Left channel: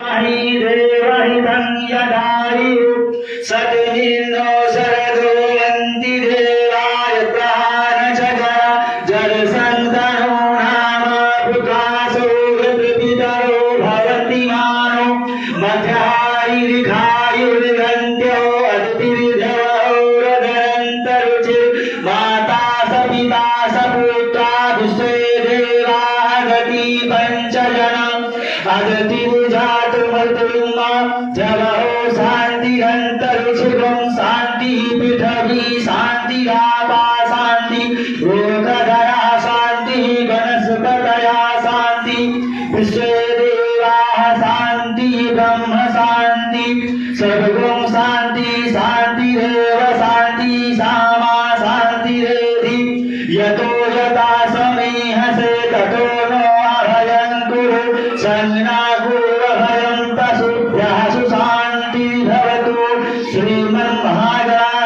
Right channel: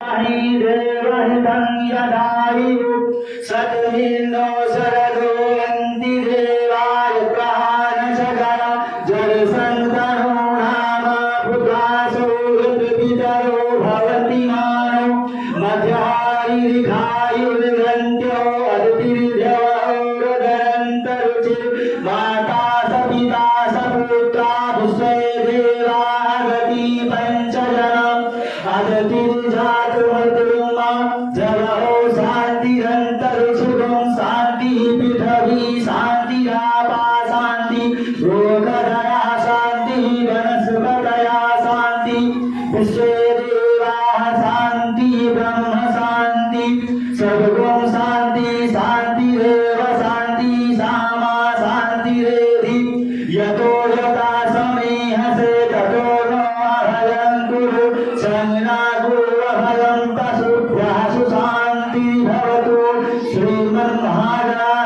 देवहितं यदायु सद्मिनो शरदोऽन्ति देवाय प्राणचकर जलसन्तनो नाम पुत्रासो पितरो भवन्ति मानो मध्यायुर्घायुर्गन्त्यो अतिर्धवोरगरन्तरुचिर् माता सपिता सपुत्रा विश्वे देवा अगति पञ्चजना अगतिर्जातमृत्युमा जवहो शान्तिरन्तरिक्षुगं शान्ति पृथिवी शान्तिरापा शान्ति लोकधरा शान्ति वनस्पतयः शान्ति विश्वे देवाः शान्ति ब्रह्म शान्ति सर्वं शान्ति शान्तिरेव शान्ति सामा शान्तिरेधि यतो यथा समीहसे ततो नो अभयं कुरु संज्ञाकुर्वभयं प्रसुभ्यः सुशान्ति भवतु श्रीमन्महाराज